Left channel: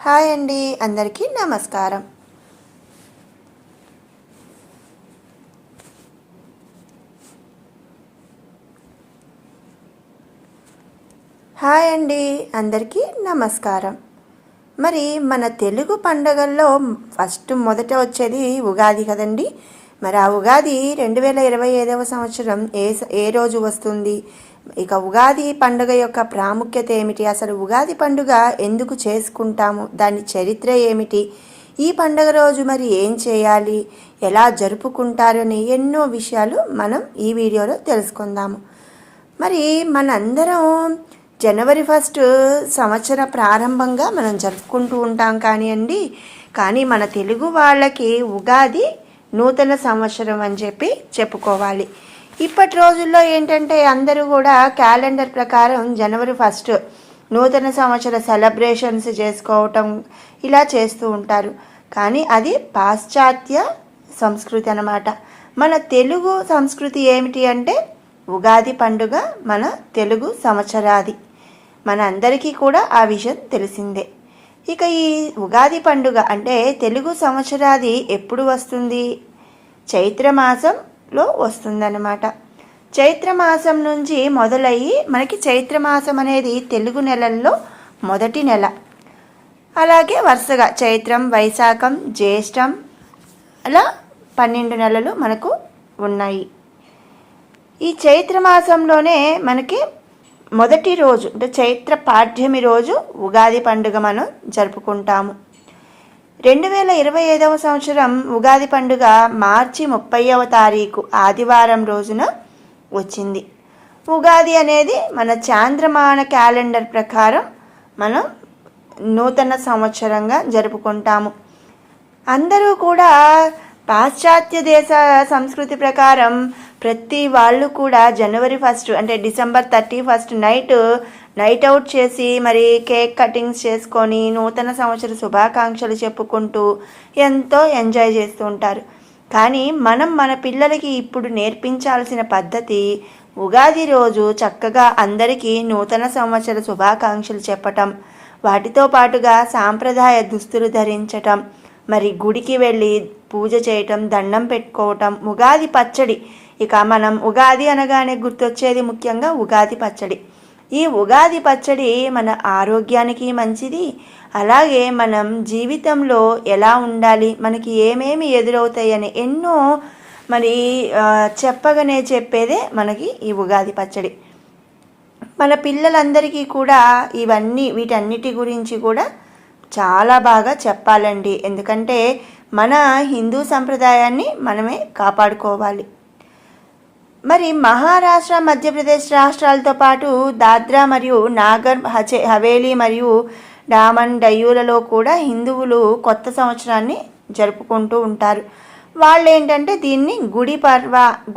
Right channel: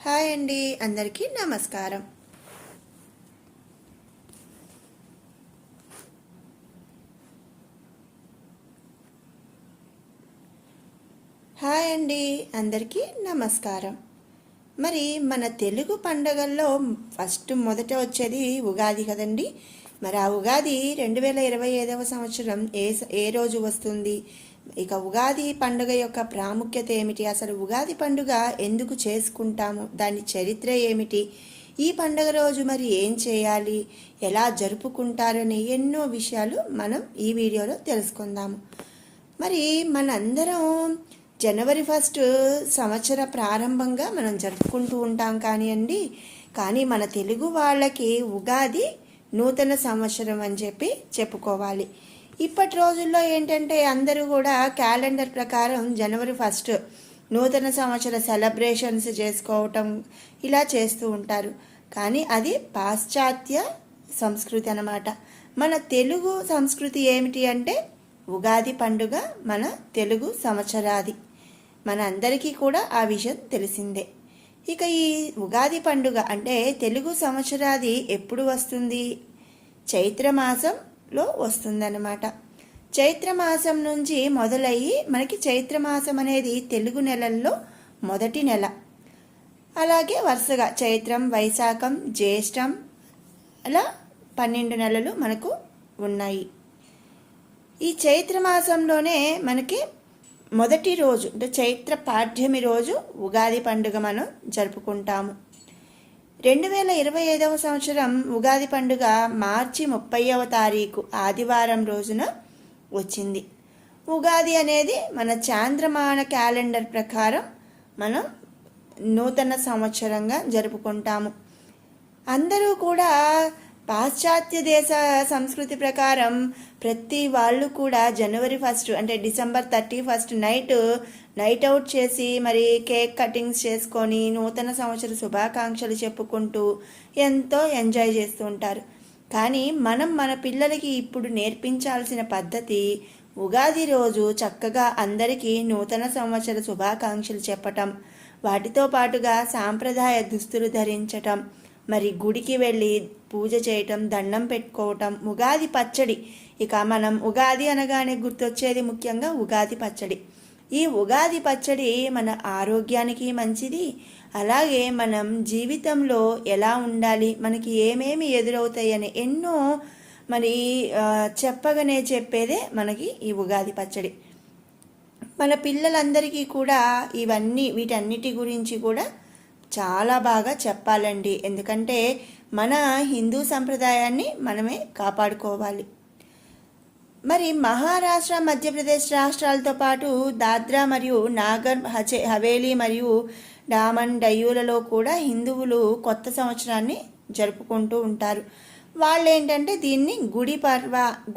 Hi అండి, అందరికీ నమస్కారం. హాయ్ అండి, అందరికీ నమస్కారం. మరి మన తెలుగు పండగల్లో మొదట వచ్చేది ఉగాది కదండి. మరి ఆ ఉగాది 2025వ సంవత్సరం ఏ రోజు వస్తుంది? ఇక ఉగాది పండుగ యొక్క ప్రాముఖ్యత ఏమిటి? అసలు ఉగాది పండుగ ఎందుకు చేసుకుంటాము? దాని చరిత్ర ఏమిటి? ఈ పండుగ రోజు మరి ఏం చేయాలి, ఎలా జరుపుకుంటారని ఎన్నో విషయాలు మనం ఈ వీడియోలో తెలుసుకుందాము. మరి మనందరం జనవరి 1 సంవత్సర ప్రారంభంగా మనం జరుపుకుంటూ ఉంటాం కానీ మన తెలుగు వాళ్ళకి ఉగాది నూతన సంవత్సరం అని చెప్పుకోవాలి. ఇప్పటి రోజుల్లో ఏంటంటే అందరూ కూడా క్యాలెండర్ ప్రకారం జనవరి 1 నూతన సంవత్సర సెలబ్రేషన్స్ చేసుకోవటం ఇలా చేస్తూ ఉంటారు. కానీ అది పాశ్చాత్య సంస్కృతి అన్నమాట. మన తెలుగు సంస్కృతి ఏమిటి అంటే ఉగాది పండుగ మన తెలుగు సంవత్సరాది. మన అందరికీ కూడా ఆ విషయం తెలిసిందే. ఇక ఈ ఉగాది పండుగ అంటే తెలుగు సంవత్సరాది ఎప్పుడు వస్తుంది? చైత్రమాసంలో వస్తుందన్నమాట. చైత్రమాసం నుంచి మొదలయ్యి మనకి చైత్రమాసం అనేది తెలుగు నెలల్లో మొదటి నెల. అలాగే వరుసగా చైత్రం, వైశాఖం, జ్యేష్టం అలా 12 నెలలు మనకు ఉన్నాయి. ఈ చైత్రమాసంలోనే మనకి మొదటి రోజు అంటే చైత్ర పాడ్యమి రోజు ఉగాది పండుగ మనం జరుపుకుంటాము. 2025వ సంవత్సరం ఉగాది పండుగ మార్చి 30వ తారీఖు ఆదివారం రోజున వచ్చింది. ఉగాది అనేది మన చాంద్రమాన క్యాలెండర్ ప్రకారం మనం నూతన సంవత్సరంగా జరుపుకుంటాము. అందరూ కూడా పాశ్చాత్య దేశ సంస్కృతి ప్రకారం ప్రతి వాళ్ళు కూడా జనవరి 1 అంటే డిసెంబర్ 31 నైట్ అవుట్ చేసి మరి కేక్ కటింగ్స్ చేసుకొని నూతన సంవత్సర శుభాకాంక్షలు చెప్పుకుంటూ ఎంతో ఎంజాయ్ చేస్తూ ఉంటారు. కానీ మనం మన పిల్లలకి ఇప్పుడు నేర్పించాల్సిన పద్ధతి ఉగాది రోజు చక్కగా అందరికీ నూతన సంవత్సర శుభాకాంక్షలు చెప్పటం, వాటితో పాటుగా సాంప్రదాయ దుస్తులు ధరించటం, మరి గుడికి వెళ్ళి పూజ చేయటం, దండం పెట్టుకోవటం, ఉగాది పచ్చడి. ఇక మనం ఉగాది అనగానే గుర్తొచ్చేది ముఖ్యంగా ఉగాది పచ్చడి. ఈ ఉగాది పచ్చడి మన ఆరోగ్యానికి మంచిది. అలాగే మనం జీవితంలో ఎలా ఉండాలి, మనకి ఏమేమి ఎదురవుతాయని ఎన్నో మరి చెప్పగానే చెప్పేదే మనకి ఈ ఉగాది పచ్చడి. మన పిల్లలందరికీ కూడా వీటన్నిటి గురించి కూడా చాలా బాగా చెప్పాలండి. ఎందుకంటే మన హిందూ సంప్రదాయాన్ని మనమే కాపాడుకోవాలి. మరి మహారాష్ట్ర, మధ్యప్రదేశ్ రాష్ట్రాలతో పాటు దాద్రా మరియు నాగర్ హవేలీ మరియు డామన్ డయ్యూలలో కూడా హిందువులు కొత్త సంవత్సరాన్ని జరుపుకుంటూ ఉంటారు. వాళ్ళు ఏంటంటే దీన్ని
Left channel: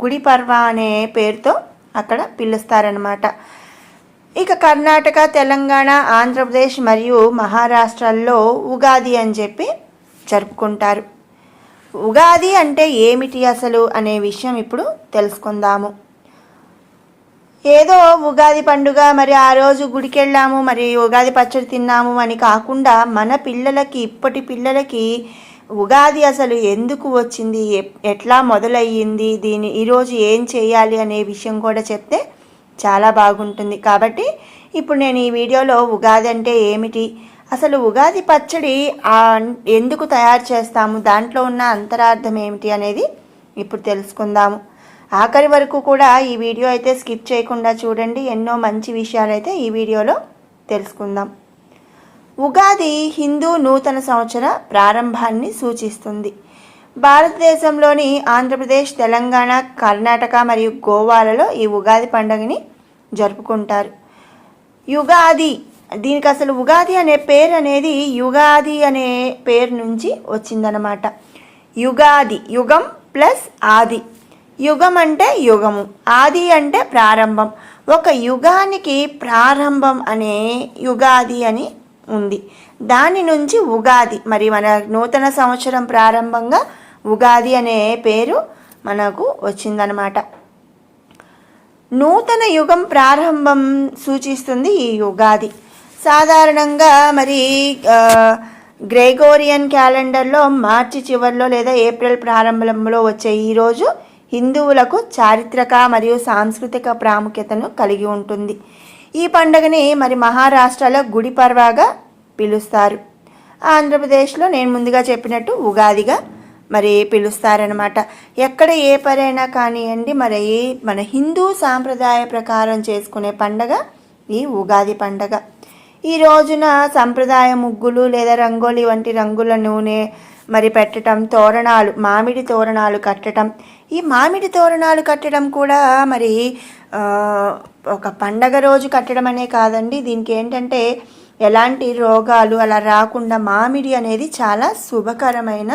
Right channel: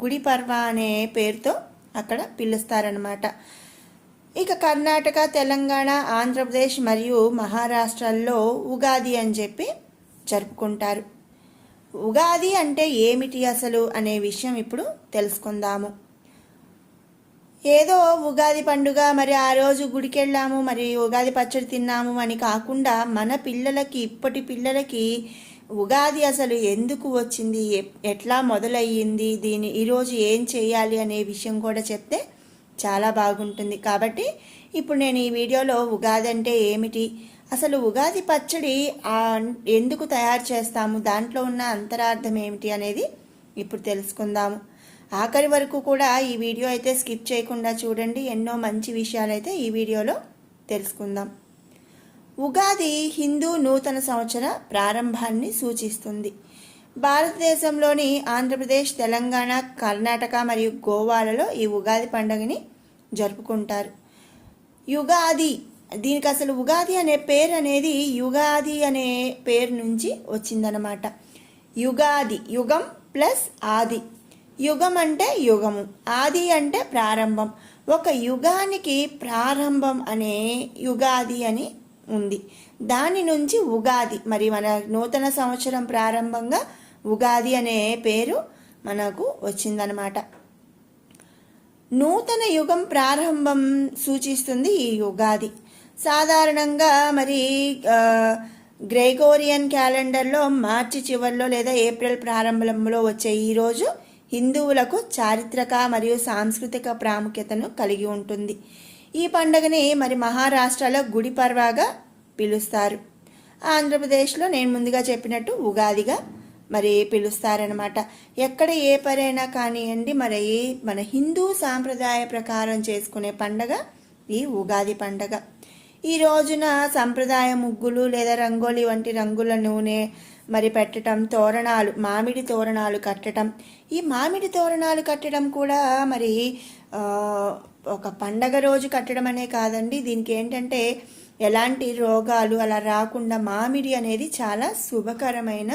గుడి పర్వ అనే పేరుతో అక్కడ పిలుస్తారనమాట. ఇక కర్ణాటక, తెలంగాణ, ఆంధ్రప్రదేశ్ మరియు మహారాష్ట్రల్లో ఉగాది అని జరుపుకుంటారు. ఉగాది అంటే ఏమిటి అసలు అనే విషయం ఇప్పుడు తెలుసుకుందాము. ఏదో ఉగాది పండుగ మరి ఆ రోజు గుడికి వెళ్ళాము, మరి ఉగాది పచ్చడి తిన్నాము అని కాకుండా ఇప్పటి పిల్లలకి ఉగాది అసలు ఎందుకు వచ్చింది, ఎట్లా మొదలయ్యింది, ఈరోజు ఏం చేయాలి అనే విషయం కూడా చెప్తే చాలా బాగుంటుంది. కాబట్టి ఇప్పుడు నేను ఈ వీడియోలో ఉగాది అంటే ఏమిటి, అసలు ఉగాది పచ్చడి ఎందుకు తయారు చేస్తాము, దాంట్లో ఉన్న అంతరార్థం ఏమిటి అనేది ఇప్పుడు తెలుసుకుందాము. ఆఖరి వరకు కూడా ఈ వీడియో అయితే స్కిప్ చేయకుండా చూడండి. ఎన్నో మంచి విషయాలు అయితే ఈ వీడియోలో తెలుసుకుందాం. ఉగాది హిందూ నూతన సంవత్సర ప్రారంభాన్ని సూచిస్తుంది. భారతదేశంలోని ఆంధ్రప్రదేశ్, తెలంగాణ, కర్ణాటక మరియు గోవాలలో ఈ ఉగాది పండుగని జరుపుకుంటారు. దీనికి అసలు ఉగాది అనే పేరు అనేది యుగాది అనే పేరు నుంచి వచ్చిందనమాట. యుగాది, యుగం ప్లస్ ఆది. యుగం అంటే యుగము, ఆది అంటే ప్రారంభం. ఒక యుగానికి ప్రారంభం అనే యుగాది అని ఉంది. దాని నుంచి ఉగాది, మరి మన నూతన సంవత్సరం ప్రారంభంగా ఉగాది అనే పేరు మనకు వచ్చిందనమాట. నూతన యుగం ప్రారంభం సూచిస్తుంది ఈ ఉగాది. సాధారణంగా మరి గ్రెగోరియన్ క్యాలెండర్లో మార్చి చివరిలో లేదా ఏప్రిల్ ప్రారంభంలో వచ్చే ఈరోజు హిందువులకు చారిత్రక మరియు సాంస్కృతిక ప్రాముఖ్యతను కలిగి ఉంటుంది. ఈ పండుగని మరి మహారాష్ట్రలో గుడి పర్వాగా పిలుస్తారు. ఆంధ్రప్రదేశ్లో నేను ముందుగా చెప్పినట్టు ఉగాదిగా మరి పిలుస్తారనమాట. ఎక్కడ ఏ పరైనా కానివ్వండి, మరి మన హిందూ సాంప్రదాయ ప్రకారం చేసుకునే పండగ ఈ ఉగాది పండగ. ఈ రోజున సంప్రదాయ ముగ్గులు లేదా రంగోలీ వంటి రంగుల నూనె మరి పెట్టడం, తోరణాలు, మామిడి తోరణాలు కట్టడం. ఈ మామిడి తోరణాలు కట్టడం కూడా మరి ఒక పండగ రోజు కట్టడం అనే కాదండి. దీనికి ఏంటంటే ఎలాంటి రోగాలు అలా రాకుండా మామిడి అనేది చాలా శుభకరమైన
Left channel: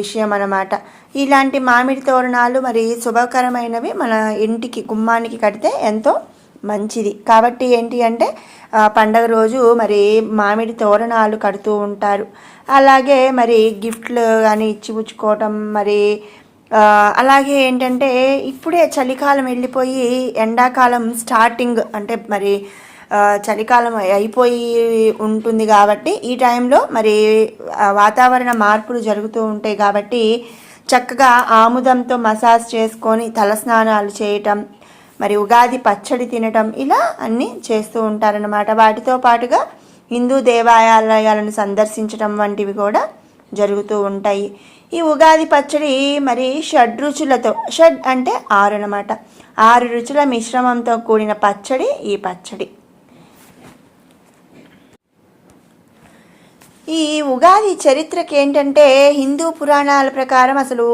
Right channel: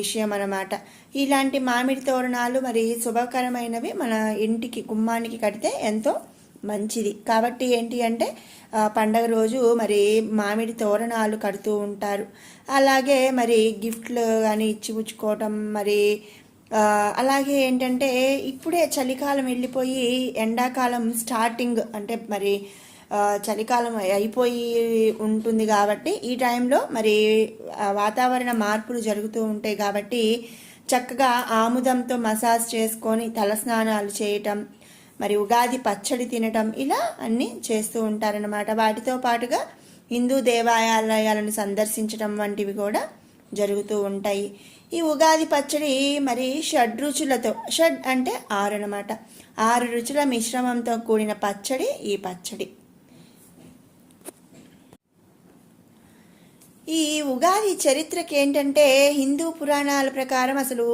విషయం అన్నమాట. ఇలాంటి మామిడి తోరణాలు మరి శుభకరమైనవి మన ఇంటికి గుమ్మానికి కడితే ఎంతో మంచిది. కాబట్టి ఏంటి అంటే పండగ రోజు మరి మామిడి తోరణాలు కడుతూ ఉంటారు. అలాగే మరి గిఫ్ట్లు కానీ ఇచ్చిపుచ్చుకోవటం. మరి అలాగే ఏంటంటే ఇప్పుడే చలికాలం వెళ్ళిపోయి ఎండాకాలం స్టార్టింగ్, అంటే మరి చలికాలం అయిపోయి ఉంటుంది కాబట్టి ఈ టైంలో మరి వాతావరణ మార్పులు జరుగుతూ ఉంటాయి. కాబట్టి చక్కగా ఆముదంతో మసాజ్ చేసుకొని తలస్నానాలు చేయటం, మరి ఉగాది పచ్చడి తినటం, ఇలా అన్నీ చేస్తూ ఉంటారన్నమాట. వాటితో పాటుగా హిందూ దేవాలయాలను సందర్శించడం వంటివి కూడా జరుగుతూ ఉంటాయి. ఈ ఉగాది పచ్చడి మరి షడ్రుచులతో, షడ్ అంటే 6 అన్నమాట, 6 రుచుల మిశ్రమంతో కూడిన పచ్చడి ఈ పచ్చడి. ఈ ఉగాది చరిత్రకి ఏంటంటే హిందూ పురాణాల ప్రకారం అసలు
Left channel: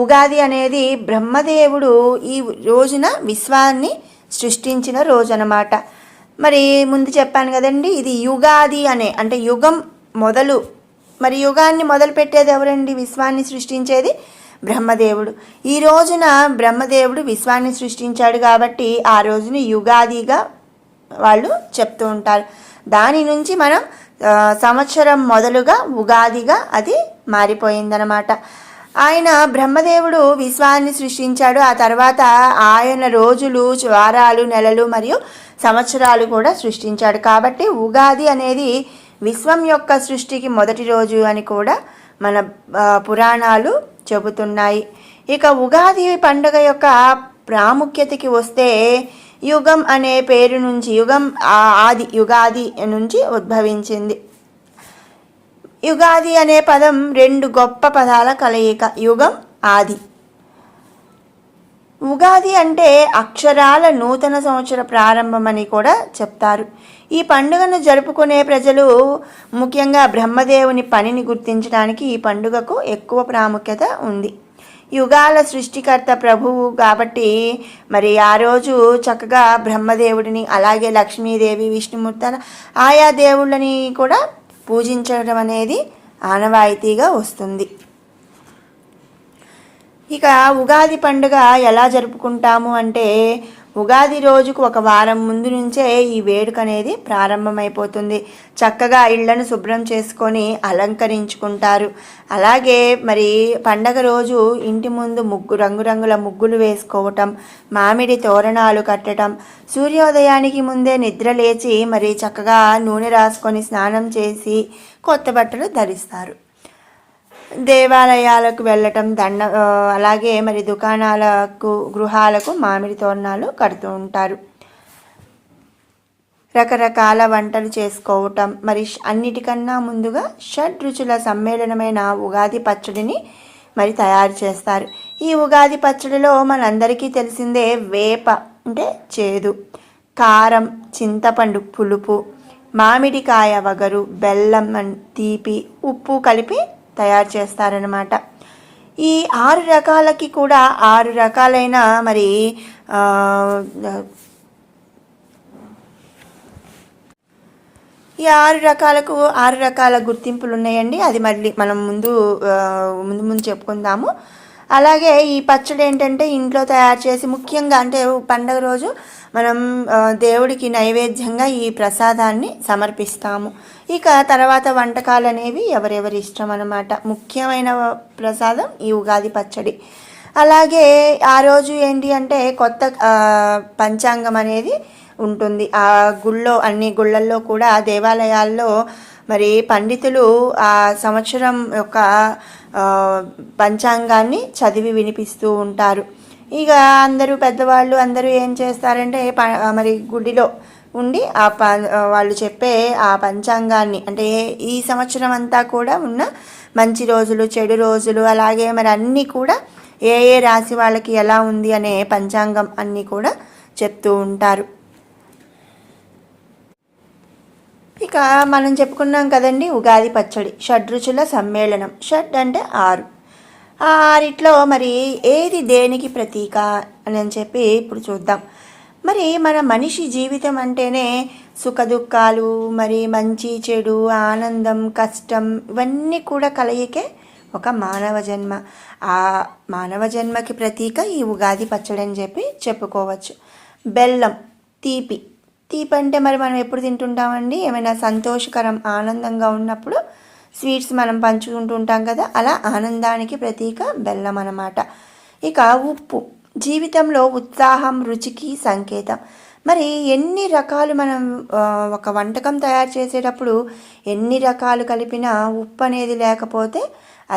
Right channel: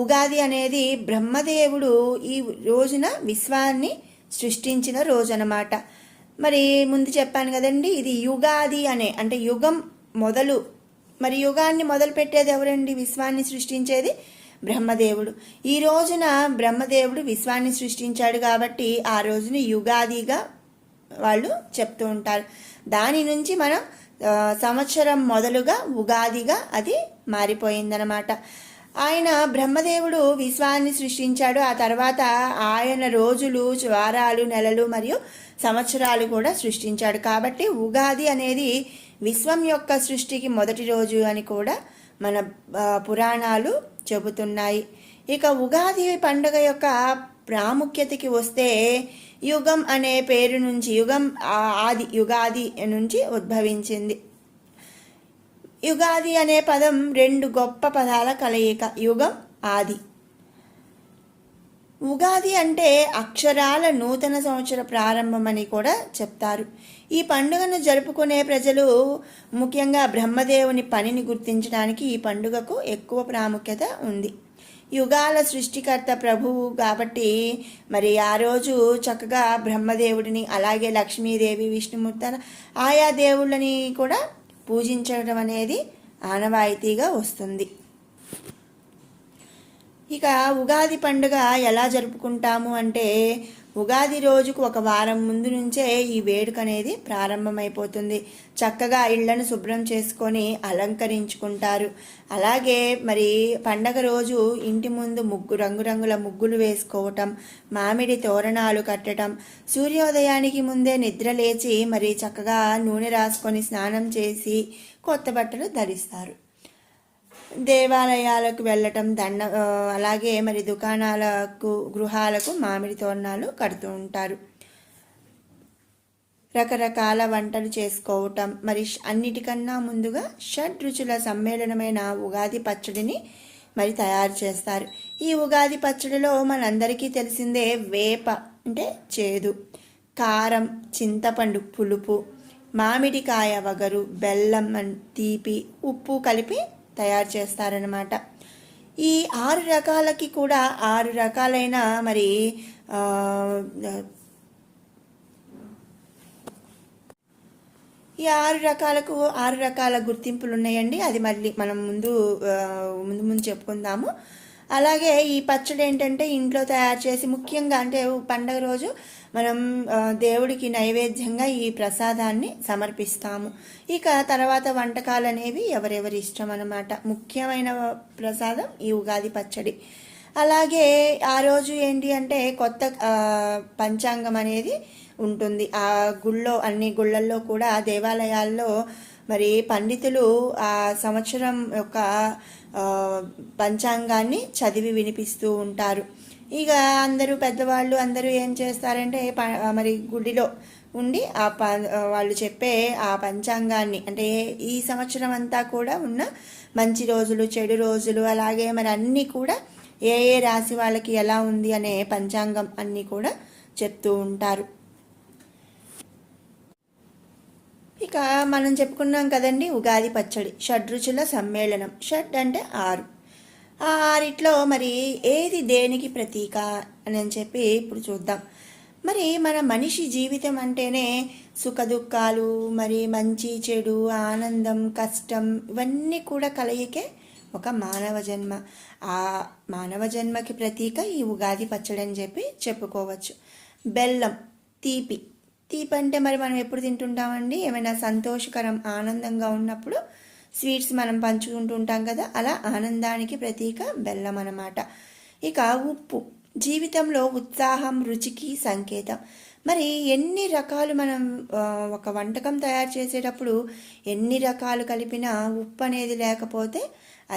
ఉగాది అనేది బ్రహ్మదేవుడు ఈ రోజున విశ్వాన్ని సృష్టించిన రోజు అన్నమాట. మరి ముందు చెప్పాను కదండి, ఇది యుగాది అంటే యుగం మొదలు. మరి యుగాన్ని మొదలు పెట్టేది ఎవరండి? విశ్వాన్ని సృష్టించేది బ్రహ్మదేవుడు. ఈ రోజున బ్రహ్మదేవుడు విశ్వాన్ని సృష్టించాడు కాబట్టి ఆ రోజుని యుగాదిగా వాళ్ళు చెప్తూ ఉంటారు. దాని నుంచి మనం సంవత్సరం మొదలుగా ఉగాదిగా అది మారిపోయిందనమాట. ఆయన బ్రహ్మదేవుడు విశ్వాన్ని సృష్టించాడు. ఆ తర్వాత ఆయన రోజులు, వారాలు, నెలలు మరియు సంవత్సరాలు కూడా సృష్టించాడు. కాబట్టి ఉగాది అనేది విశ్వం యొక్క సృష్టికి మొదటి రోజు అని కూడా మన పురాణాలు చెబుతున్నాయి. ఇక ఉగాది పండుగ యొక్క ప్రాముఖ్యతకి వస్తే యుగం అనే పేరు నుంచి, యుగం ఆది, యుగాది నుంచి ఉద్భవించింది. యుగాది అనే పదం 2 గొప్ప పదాల కలయిక, యుగం, ఆది. ఉగాది అంటే అక్షరాల నూతన సంవత్సర ప్రారంభం అని కూడా చెప్తారు. ఈ పండుగను జరుపుకునే ప్రజలు ముఖ్యంగా బ్రహ్మదేవుని పనిని గుర్తించడానికి ఈ పండుగకు ఎక్కువ ప్రాముఖ్యత ఉంది. యుగాల సృష్టికర్త ప్రభువు కాబట్టి మరి ఆ రోజు చక్కగా బ్రహ్మదేవుడిని, అలాగే లక్ష్మీదేవి, విష్ణుమూర్తి, ఆయా దేవుళ్ళని కూడా పూజించడం అనేది ఆనవాయితీగా వస్తుంది. ఇక ఉగాది పండుగ ఎలా జరుపుకుంటాము అంటే ఉగాది రోజుకు 1 వారం ముందు నుంచే ఈ వేడుక అనేది ప్రారంభమైపోతుంది. చక్కగా ఇళ్లను శుభ్రం చేసుకొని అలంకరించుకుంటారు. అలాగే మరి పండగ రోజు ఇంటి ముందు రంగురంగుల ముగ్గులు వేసుకోవటం, మామిడి తోరణాలు కట్టడం, సూర్యోదయానికి ముందే నిద్ర లేచి మరి చక్కగా నూనె రాసుకొని స్నానం చేసి కొత్త బట్టలు ధరిస్తారు. దేవాలయాలకు వెళ్ళటం, అలాగే మరి దుకాణాలకు, గృహాలకు మామిడి తోరణాలు కడుతూ ఉంటారు. రకరకాల వంటలు చేసుకోవటం, మరి అన్నిటికన్నా ముందుగా షడ్రుచుల సమ్మేళనమైన ఉగాది పచ్చడిని మరి తయారు చేస్తారు. ఈ ఉగాది పచ్చడిలో మనందరికీ తెలిసిందే వేప అంటే చేదు, కారం, చింతపండు పులుపు, మామిడికాయ వగరు, బెల్లం తీపి, ఉప్పు కలిపి తయారు చేస్తారనమాట. ఈ 6 రకాలకి కూడా 6 రకాలైన మరి ఈ 6 రకాలకు 6 రకాల గుర్తింపులు ఉన్నాయండి. అది మళ్ళీ మనం ముందు చెప్పుకుందాము. అలాగే ఈ పచ్చడి ఏంటంటే ఇంట్లో తయారు చేసి ముఖ్యంగా అంటే పండగ రోజు మనం దేవుడికి నైవేద్యంగా ఈ ప్రసాదాన్ని సమర్పిస్తాము. ఇక తర్వాత వంటకాలు అనేవి ఎవరెవరి ఇష్టం అన్నమాట. ముఖ్యమైన ప్రసాదం ఈ ఉగాది పచ్చడి. అలాగే ఆ రోజు ఏంటి అంటే కొత్త పంచాంగం అనేది ఉంటుంది. ఆ అన్ని గుళ్ళల్లో కూడా దేవాలయాల్లో మరి పండితులు ఆ సంవత్సరం యొక్క పంచాంగాన్ని చదివి వినిపిస్తూ ఉంటారు. ఇక అందరూ పెద్దవాళ్ళు అందరూ ఏం చేస్తారంటే మరి గుడిలో ఉండి వాళ్ళు చెప్పే ఆ పంచాంగాన్ని, అంటే ఈ సంవత్సరం అంతా కూడా ఉన్న మంచి రోజులు, చెడు రోజులు, అలాగే మరి అన్నీ కూడా ఏ ఏ రాశి వాళ్ళకి ఎలా ఉంది అనే పంచాంగం అన్నీ కూడా చెప్తూ ఉంటారు. ఇక మనం చెప్పుకున్నాం కదండి, ఉగాది పచ్చడి షడ్రుచుల సమ్మేళనం. షడ్ అంటే 6. ఆ 6 మరి ఏది దేనికి ప్రతీక అని చెప్పి ఇప్పుడు చూద్దాం. మరి మన మనిషి జీవితం అంటేనే సుఖదుఖాలు, మరి మంచి చెడు, ఆనందం, కష్టం, ఇవన్నీ కూడా కలయికే ఒక మానవ జన్మ. ఆ మానవ జన్మకి ప్రతీక ఈ ఉగాది పచ్చడి అని చెప్పి చెప్పుకోవచ్చు. బెల్లం, తీపి. తీపి అంటే మరి మనం ఎప్పుడు తింటుంటామండి? ఏమైనా సంతోషకరం, ఆనందంగా ఉన్నప్పుడు స్వీట్స్ మనం పంచుకుంటూ ఉంటాం కదా, అలా ఆనందానికి ప్రతీక బెల్లం అన్నమాట. ఇక ఉప్పు, జీవితంలో ఉత్సాహం, రుచికి సంకేతం. మరి ఎన్ని రకాలు మనం ఒక వంటకం తయారు చేసేటప్పుడు ఎన్ని రకాలు కలిపినా ఉప్పు అనేది లేకపోతే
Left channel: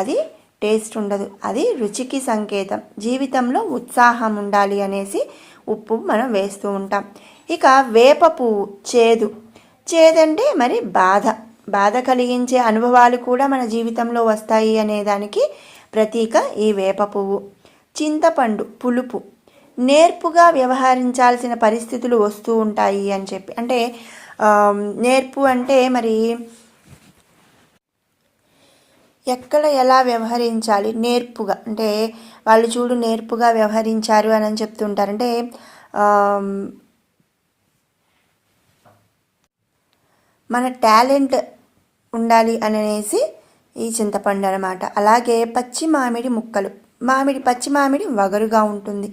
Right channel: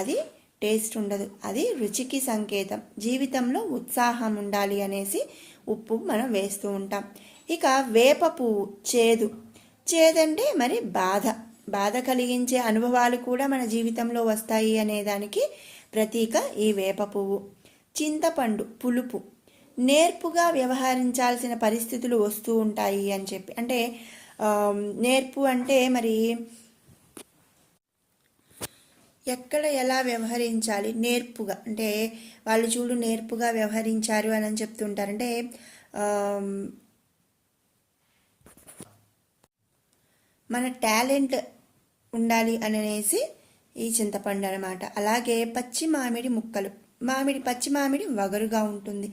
అది టేస్ట్ ఉండదు, అది రుచికి సంకేతం. జీవితంలో ఉత్సాహం ఉండాలి అనేసి ఉప్పు మనం వేస్తూ ఉంటాం. ఇక వేప పువ్వు, చేదు. చేదంటే మరి బాధ కలిగించే అనుభవాలు కూడా మన జీవితంలో వస్తాయి అనేదానికి ప్రతీక ఈ వేప పువ్వు. చింతపండు, పులుపు. నేర్పుగా వ్యవహరించాల్సిన పరిస్థితులు వస్తూ ఉంటాయి అని చెప్పి, అంటే నేర్పు అంటే మరి ఎక్కడ ఎలా వ్యవహరించాలి, నేర్పుగా అంటే వాళ్ళు చూడు నేర్పుగా వ్యవహరించారు అని చెప్తుంటారు. అంటే మన టాలెంట్ ఉండాలి అనేసి ఈ చింతపండు అనమాట. అలాగే పచ్చి మామిడి ముక్కలు. పచ్చి మామిడి వగరుగా ఉంటుంది.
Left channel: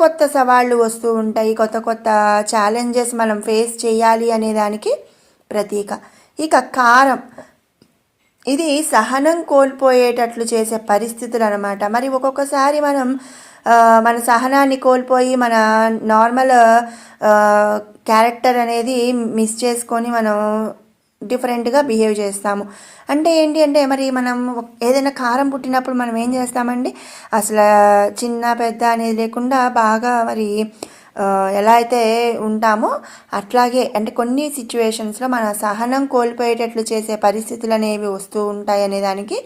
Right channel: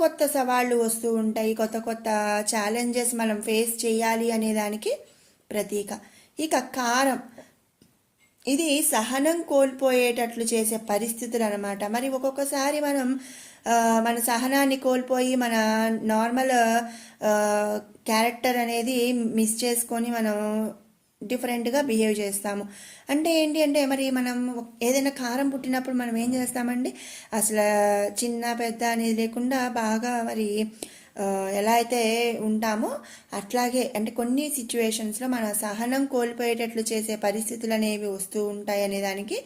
కొత్త సవాళ్ళు వస్తూ ఉంటాయి, కొత్త ఛాలెంజెస్ మనం ఫేస్ చేయాలి అనేదానికి ప్రతీక. ఇక కారం, ఇది సహనం కోల్పోయేటట్లు చేసే పరిస్థితులు అనమాట. మరి ఒక్కొక్కసారి మనం మన సహనాన్ని కోల్పోయి మన నార్మల్ క్యారెక్టర్ అనేది మిస్ చేసుకొని మనం డిఫరెంట్గా బిహేవ్ చేస్తాము. అంటే ఏంటి అంటే మరి మనం ఏదైనా కారం పుట్టినప్పుడు మనం ఏం చేస్తామండి, అసలు చిన్న పెద్ద అనేది లేకుండా బాగా మరి ఎలా అయితే ఉంటామో అట్లాగే, అంటే కొన్ని సిచ్యువేషన్స్లో మన సహనం కోల్పోయేటట్లు చేసే పరిస్థితులు అనేవి వస్తూ ఉంటాయి అనేదానికి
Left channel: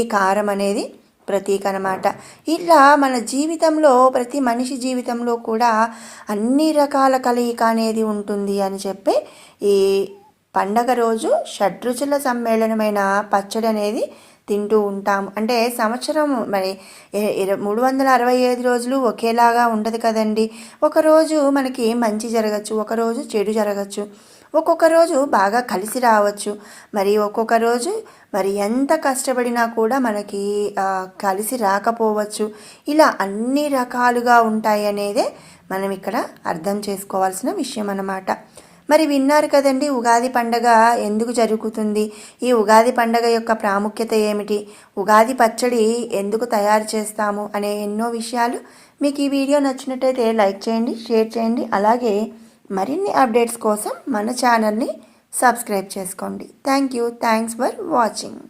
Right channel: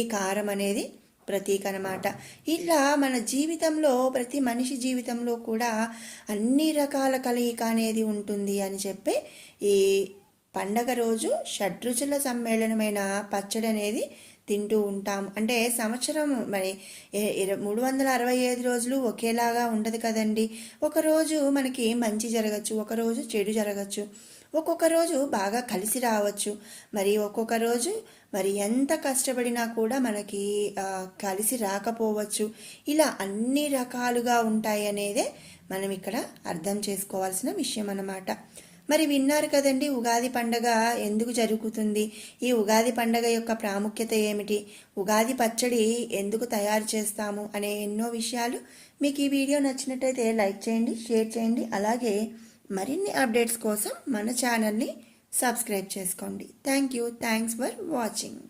ఈ కారం అనేది ప్రతీక అనమాట. ఇలా మన జీవితంలో, ప్రతి మనిషి జీవితంలో కూడా అన్ని రకాల కలయిక అనేది ఉంటుంది అని చెప్పి ఈ పండగ రోజు షడ్రుచుల సమ్మేళనమైన పచ్చడి అనేది తింటూ ఉంటాము. అంటే సంవత్సరం మరి 365 రోజులు ఒకేలాగా ఉండదు కదండి. ఒకరోజు మనకి మంచి జరగచ్చు, ఒకరోజు చెడు జరగచ్చు, ఒక్కొక్క రోజు బాగా కలిసి రావచ్చు, మరి ఒక్కొక్క రోజు మరి ఎంత కష్టపడినా కూడా మనకి కలిసి రాకపోవచ్చు. ఇలా అన్ని రకాలుగా ఉంటాయి అనేదే మనం ఇక్కడ అర్థం చేసుకోవాల్సిన విషయం అన్నమాట. మరి విన్నారు కదండి, ఉగాది పండగ ఎందుకు జరుగుతుంది, ఈ ఉగాది పండగ యొక్క ప్రాముఖ్యత ఏమిటి, ఉగాది పచ్చడి ఎందుకు తయారు చేస్తాము అనే ఎన్నో విషయాలు. మీకు ఈ వీడియో నచ్చినట్టయితే లైక్ చేయండి, షేర్ చేయండి, అలాగే మరిన్ని అప్డేట్స్ కోసం మన ఛానల్ని సబ్స్క్రైబ్ చేసుకోండి. Thanks for watching.